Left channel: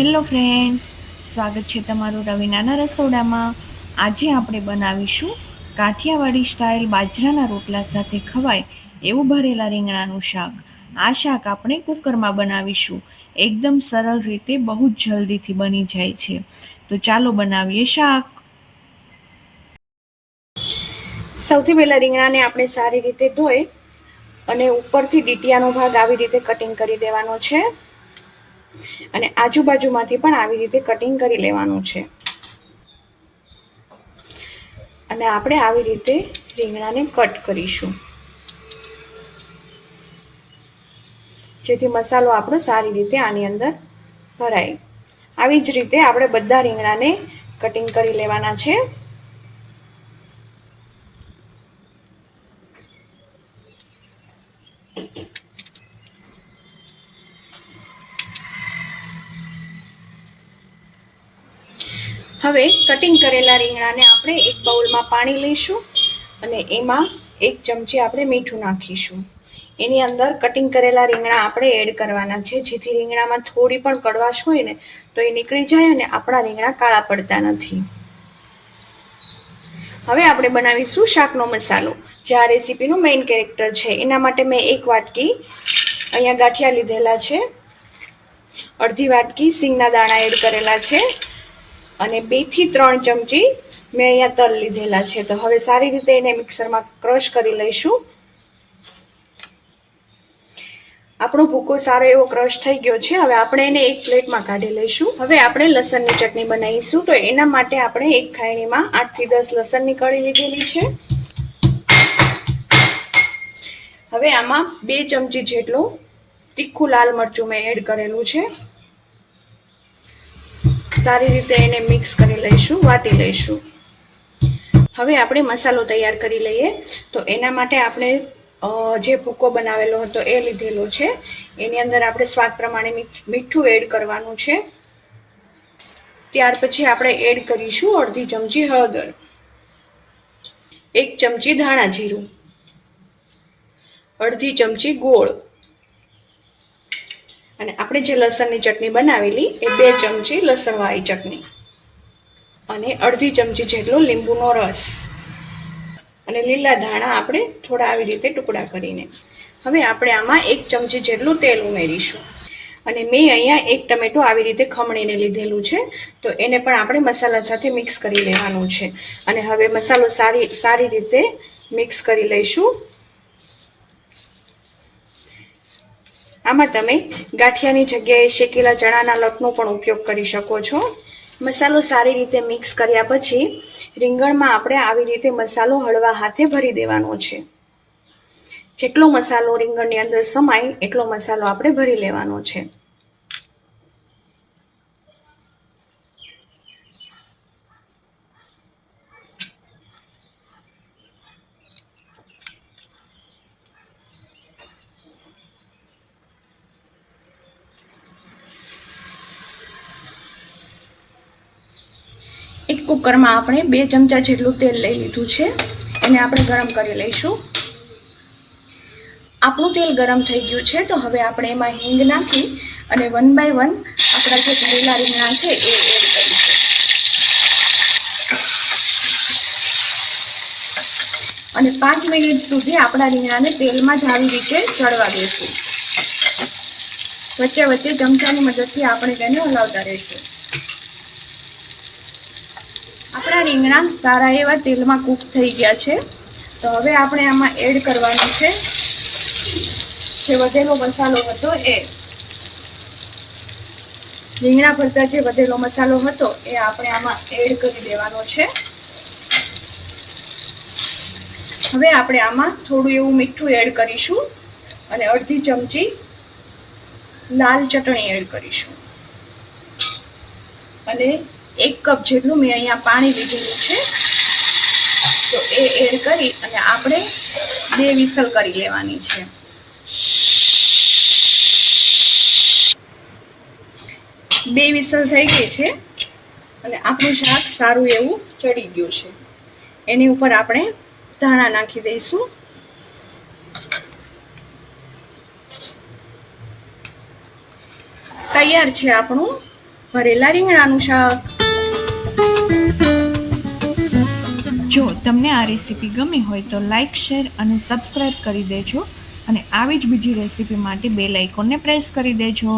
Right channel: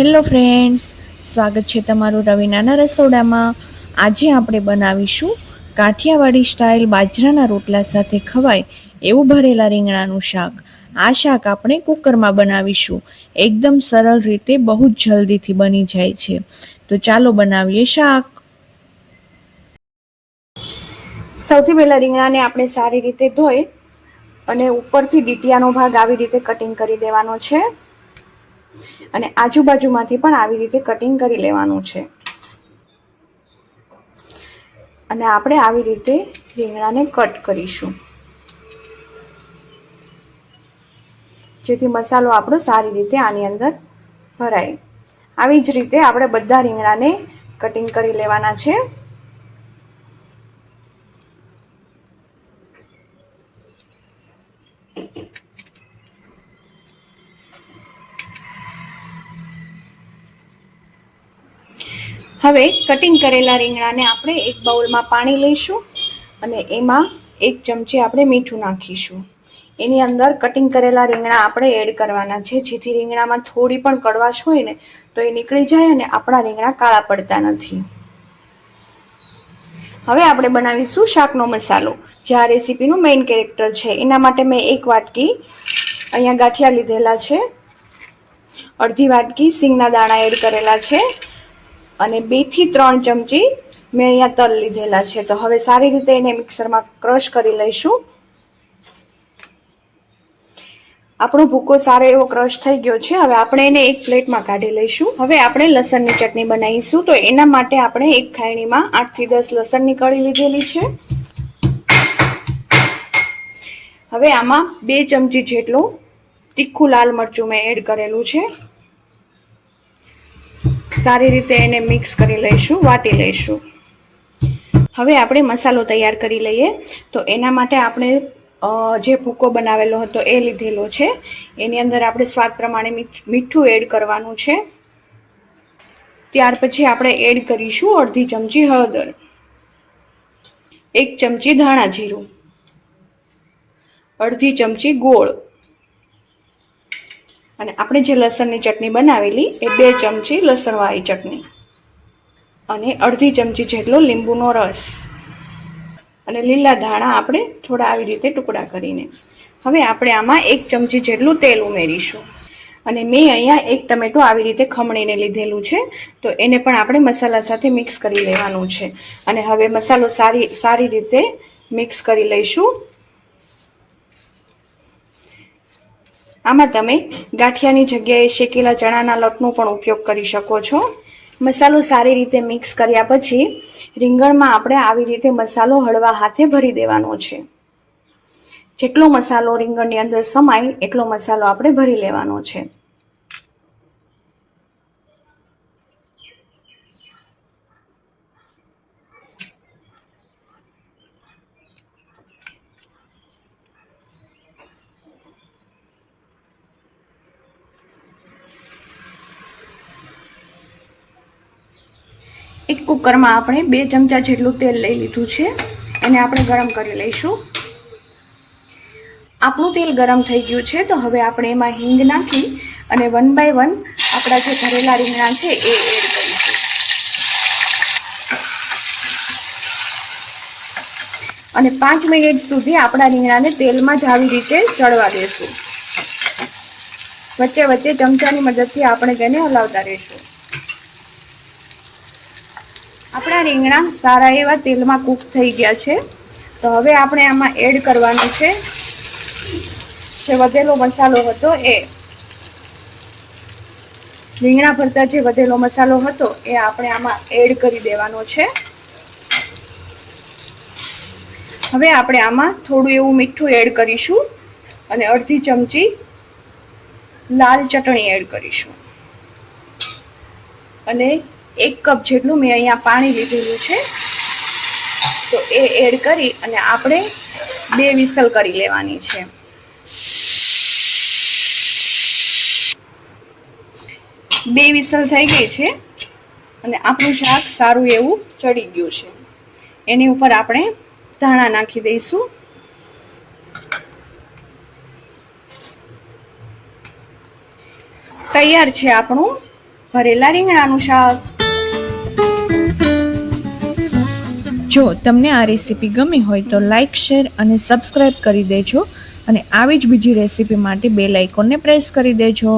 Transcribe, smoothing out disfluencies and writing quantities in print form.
Hello friends, સ્વાગત છે તમારું રવીનાના રસોડામાં। આજે આપણે બનાવીશું કાઠિયાવાડી સ્ટાઇલ બાજરાના રોટલા સાથે ખવાય એવું ભરેલા રીંગણાનું શાક। આ શાક આપણે કુકરમાં બનાવીશું। એકદમ સરળ રીતે બહુ જ જલ્દીથી બની જાય છે। તો ચાલો બનાવીએ શાક। સૌથી પહેલા રીંગણાને આપણે સારી રીતે ધોઈ અને ઉપરથી ડીટીયાનો ભાગ આવી રીતે કટિંગ કરી દેવાનો છે અને આજુબાજુમાંથી પણ આવી રીતે કટિંગ કરી લેવાનું છે અને આપણે આવી રીતે રીંગણાને કટ કરીશું જેથી મસાલો આપણો સારી રીતે આની અંદર ભરાય। આવી જ રીતે આપણે બધા રીંગણાને કટિંગ કરી લેવાના છે। હવે કટિંગ કરેલા રીંગણાને આપણે એક બાઉલમાં પાણી લઈશું અને એમાં 1 ચમચી આપણે મીઠું નાખીશું। એની અંદર કટિંગ કરેલા રીંગણા આપણે એડ કરવાના છે જેથી રીંગણામાં થોડી પણ કડવાશ હોય ને તો એ નીકળી જાય અને આપણા રીંગણા કાળા પડતા નથી। હવે આપણે બનાવીશું શાકનો મસાલો, જે આ રેસીપીનું મેઇન કેરેક્ટર છે। એના માટે મેં 1 વાટકી અહીંયા ગાંઠિયા લીધેલા છે, અડધી વાટકી સિંગના દાણા એડ કરેલા છે અને 2 થી 3 ચમચી મેં અહીંયા તલ લીધેલા છે। તો હવે સારી રીતે એને મિક્સરમાં ક્રશ કરી લઈશું। આપણો ભૂકો સારો એવો ક્રશ થઈ ગયો છે। હવે આપણે એને એક પ્લેટમાં કાઢી લઈશું। હવે આપણે લસણની ચટણી બનાવીશું। તો એના માટે આપણે એક ખાયણીમાં 8 થી 10 લસણની કળી લીધેલી છે। હવે આમાં 2 ચમચી જેટલું તીખું લાલ મરચું મેં એડ કરેલું છે। સારી રીતે એને મિક્સ કરી લઈશું, વાટી લઈશું। હવે આપણે મસાલો તૈયાર કરી લઈએ। તો એના માટે આપણે જે ભૂકો બનાવેલો હતો એ લીધેલો છે। એની અંદર આપણે સ્વાદ પ્રમાણે મીઠું એડ કરવાનું છે। ત્યાર પછી આપણે એડ કરીશું અડધી ચમચી હળદર, 1 ચમચી ધાણા જીરું, અડધી ચમચી ગોળ અને આપણે જે લસણની ચટણી બનાવેલી એ 2 ચમચી લસણવાળી ચટણી અને અડધી ચમચી જેટલો લીંબુનો રસ અને લીલા ધાણા આપણે થોડા આવી રીતે ટુકડા કરીને। હવે આપણે આમાં 1 ચમચી જેટલું તેલ ઉમેરીશું અને મેં અહીંયા 1 ટમેટું આવી રીતે ખમણીને લીધેલું છે। તો એને પણ આપણે મસાલા સાથે મિક્સ કરી લેવાનું છે અને હવે મસાલો સારી રીતે મિક્સ કરી લઈશું। આમાં તમે ગાંઠિયાની જગ્યાએ શેકેલા ચણાના લોટનો પણ ઉપયોગ કરી શકો છો। મસાલો સારી રીતે મિક્સ કર્યા પછી રીંગણમાં આપણે આવી રીતે મસાલો હળવા હાથે ભરી દેવાનો છે। જેટલો મસાલો રીંગણની અંદર સમાય એટલો મસાલો આપણે ભરી લેવાનો છે। એક કુકરમાં આપણે 2 ચમચા જેટલું તેલ લઈ લીધું છે, એને આપણે ગરમ કરી લઈશું। આપણું તેલ ગરમ થઈ ગયું છે તો હવે આપણે એમાં હિંગ નાખી અને 1 બાય 1 આપણા જે ભરેલા રીંગણા છે એ એડ કરીશું અને 5 મિનિટ સુધી આપણા રીંગણાને તેલમાં જ આવી રીતે ચડવા દેશું। વચ્ચે વચ્ચે ચમચાની મદદથી આપણે તેને હલાવતા રહીશું। આપણા રીંગણા સારા એવા તેલમાં કૂક થઈ ગયા છે। તો હવે આપણે આમાં એડ કરવાનું છે જે વધેલો મસાલો હતો એ રીંગણા ભરતા જે વધેલો મસાલો હતો એ આપણે આમાં એડ કરી દેવાનો છે। હવે આપણે આમાં થોડું એવું મીઠું એડ કરીશું અને અડધી ચમચી લાલ ચટણી એડ કરીશું અને 1 કપ જેટલું મેં અહીંયા પાણી લીધેલું છે તો એ એડ કરી અને આપણે 2 વિસલ કરી લેવાની છે। 2 વિસલ થઈ ગઈ છે અને આપણું શાક સારું એવું ચડી ગયું છે। એની ઉપર આપણે ધાણા નાખી દઈશું। તૈયાર છે આપણું ભરેલા રીંગણાનું શાક. જો તમને આ રેસીપી ગમી હોય તો લાઈક, શેર અને સબસ્ક્રાઈબ કરી દેજો અને આવી જ બીજી રેસીપી માટે બેલ આઇકોનને પ્રેસ કરી દેજો.